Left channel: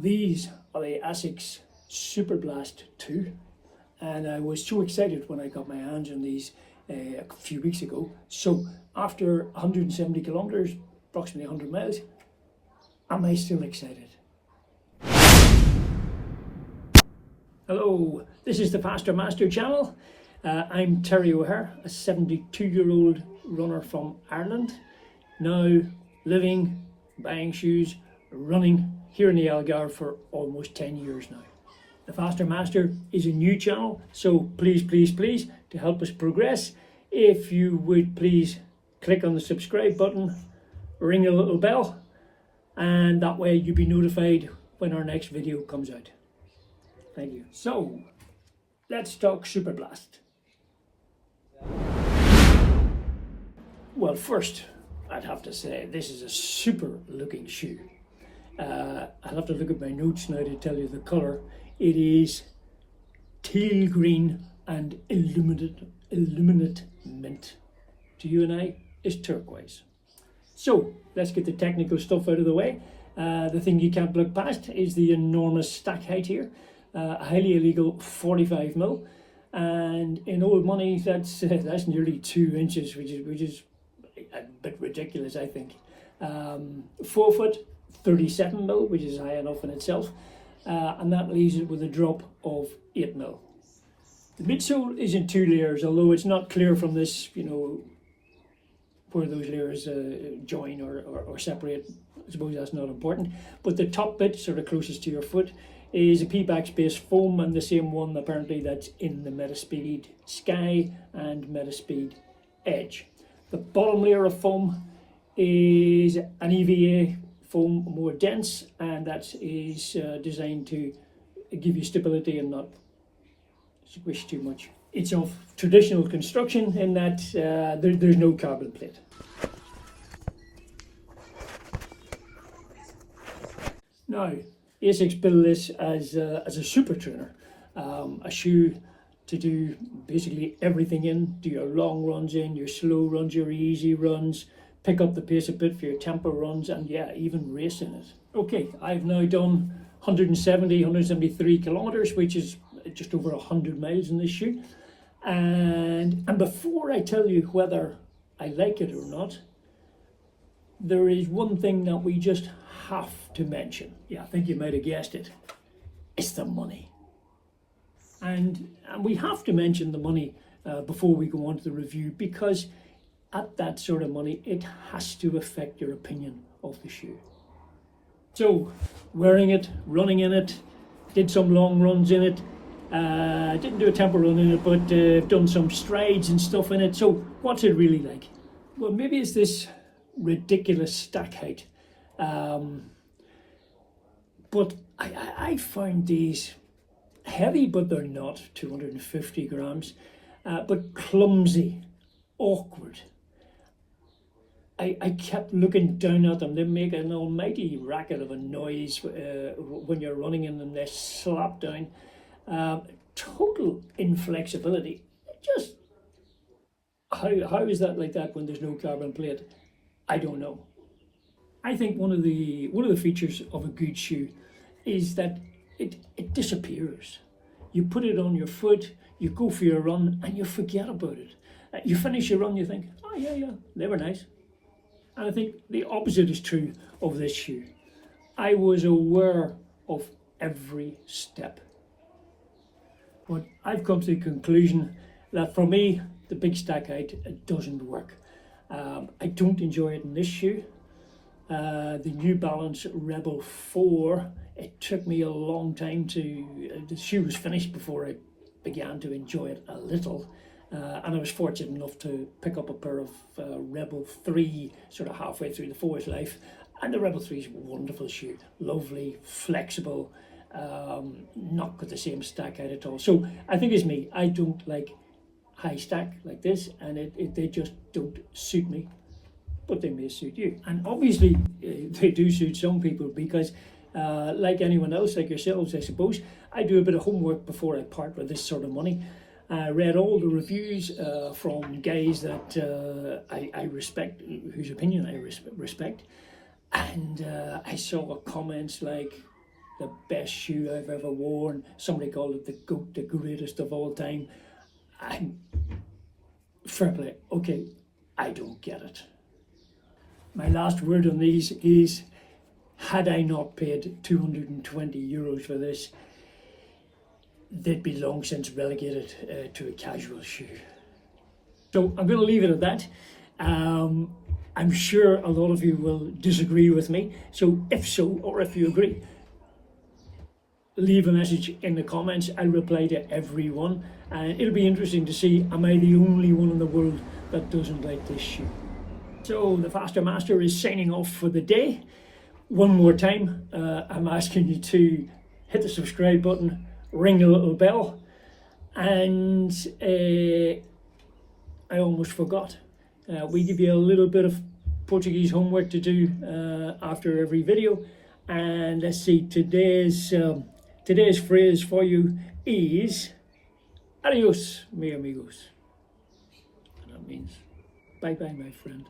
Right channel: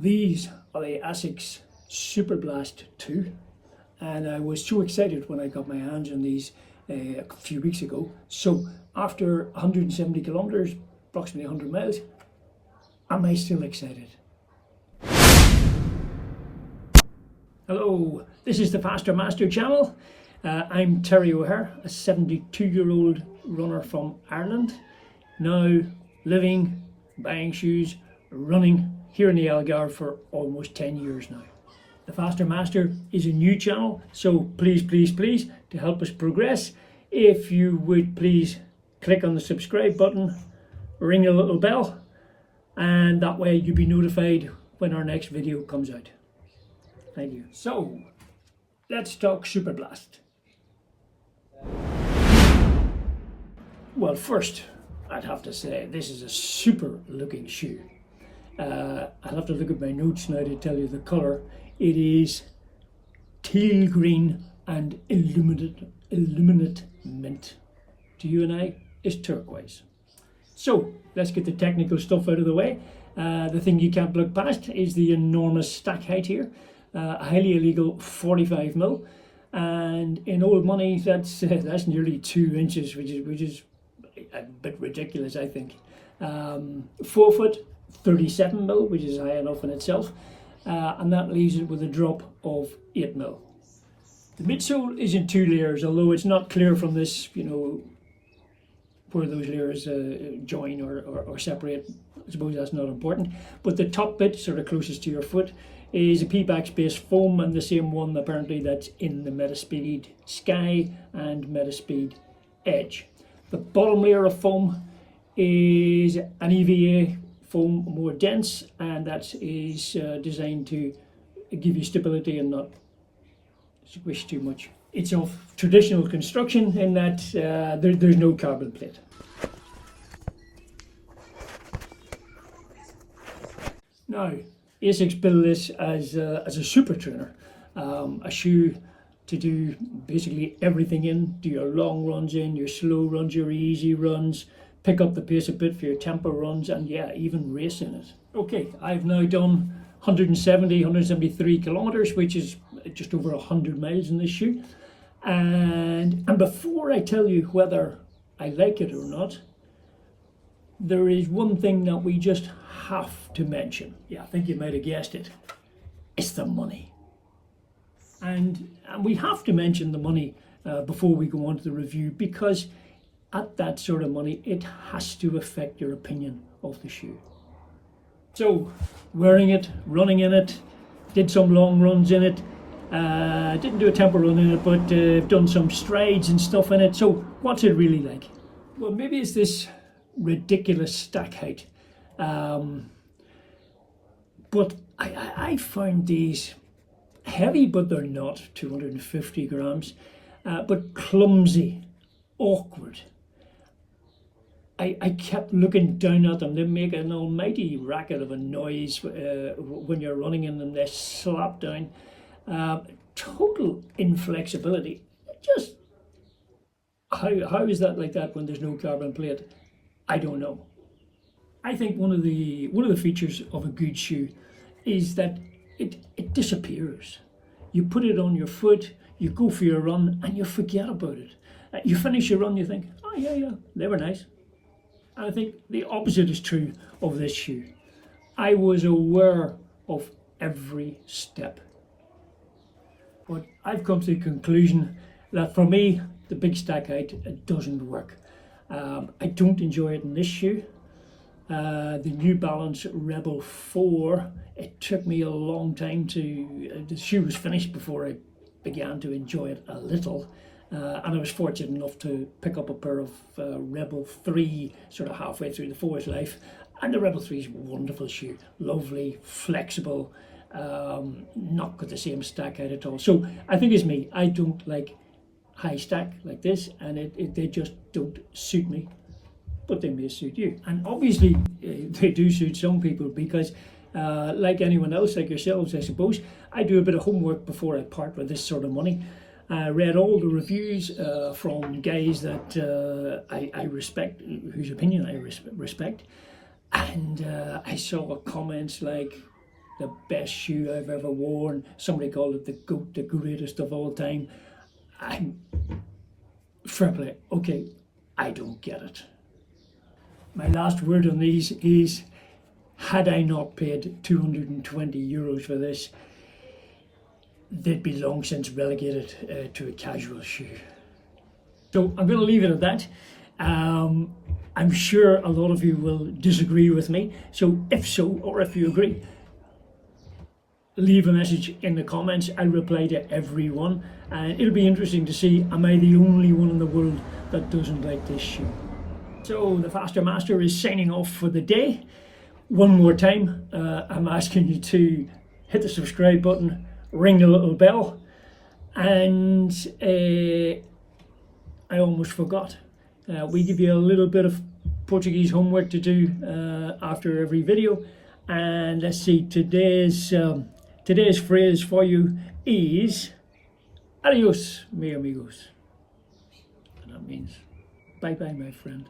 These are the ASICS Superblast 2, and I was so excited when I got my hands on these a few weeks ago. So after 170 kilometers, approximately 100 miles, am I still excited? Hello, this is the Faster Master channel. I'm Terry O'Hare, a 72-year-old runner from Ireland, now living, buying shoes, running here in the Algarve for almost 10 years now. The Faster Master is a new channel, so please, to help us progress, if you would please click on the subscribe button, ring the little bell, and that way you'll be notified when our next video comes out. Thank you. So, let's talk Superblast. Well, first, I'd have to say this is a super looking shoe. I'll have to look at my notes now to tell you the colour. It is teal green and illuminate mint. To you and I, it's turquoise. So let's get the technical stuff out of the way. The thing you can't look past is the enormous stack height here. A highly illegal 45mm, and in old money that's nearly 2 inches, which is a bit ridiculous, I think. 4 foot 37mm, which is high enough in itself, and that leaves it with a drop of 8mm. The midsole is in 2 layers, although it's not clear from this, where those layers join or separate. I suppose that's not important. But the top bit, sort of closest to your foot, is a P-Bax based foam, and the same one apparently that's in the Metaspeed Sky and Metaspeed Edge. The bottom layer of foam is an EVA foam, more dense, and that is designed to give you stability and not squish too much. It's of traditional construction in that there's no carbon plate. Now, ASICS built this as a super trainer, a shoe to do basically everything in. Do your long runs in, your slow runs, your easy runs, pick up the pace a bit for your tempo runs, and yeah, even race in it. Okay, I've now done 173 kilometers, which is just over 100 miles in this shoe. And before I tell you whether I like it or not, there is one thing that we just have to mention. Yeah, I think you might have guessed it. It's the money. And we have to mention the money before we go on to the review, because at that sort of money, it has to affect your opinion of the shoe. So, wearing it, running in it, did some long runs in it, didn't do a tempo run in it, but I've done some strides and stuff in it. So, what's it really like? Well, maybe it's this ridiculous stack height. But I found these heavy, but they're not, 250 grams, but clumsy, awkward. I kept looking down at them. They make an almighty racket of a noise when you're running in them. They slap down. Total inflexibility. Just how is that like that when there's no carbon plate? I don't know. I think one of the features of a good shoe is that it disappears. You put it on your foot, you go for your run, and you forget about it. You finish your run, you think, oh yeah, they were nice. And I think the opposite is true of this shoe. I was aware of every step. But I've come to the conclusion that for me, the big stack height doesn't work. I don't enjoy it in this shoe. The New Balance Rebel 4, it took me a long time the shoe was finished before I began to enjoy it a little. And I was fortunate enough to pick up a pair of Rebel 3 sort of halfway through the 4's life. And the Rebel 3 is a wonderful shoe, lovely, flexible, not got the same stack height at all. So I think it's me, I don't like high stack like this, and they just don't suit me. But they may suit you. And obviously they do suit some people, because like anyone else, like yourselves I suppose, I do a bit of homework before I part with this sort of money. I read all the reviews from guys that I respect, whose opinion I respect, and I saw comments like, the best shoe I've ever worn. Somebody called it the GOAT, the greatest of all time. I'm fair play. Okay, I don't get it. My last word on these is, had I not paid €220 for this, they'd be long since relegated to a casual shoe. So I'm going to leave it at that. I'm sure a lot of you will disagree with me. So if so, or if you agree, leave a message in the comments. I'll reply to everyone. And it'll be interesting to see, am I the only one in the world that doesn't like this shoe? So the Faster Master is signing off for the day. One more time, I'm asking you to hit the subscribe button, ring the little bell, and I almost forgot. We give you a little bit of Portuguese homework to do after every video, and let's see, today's phrase for you is adios, mi amigos, and that means bye bye, my friend.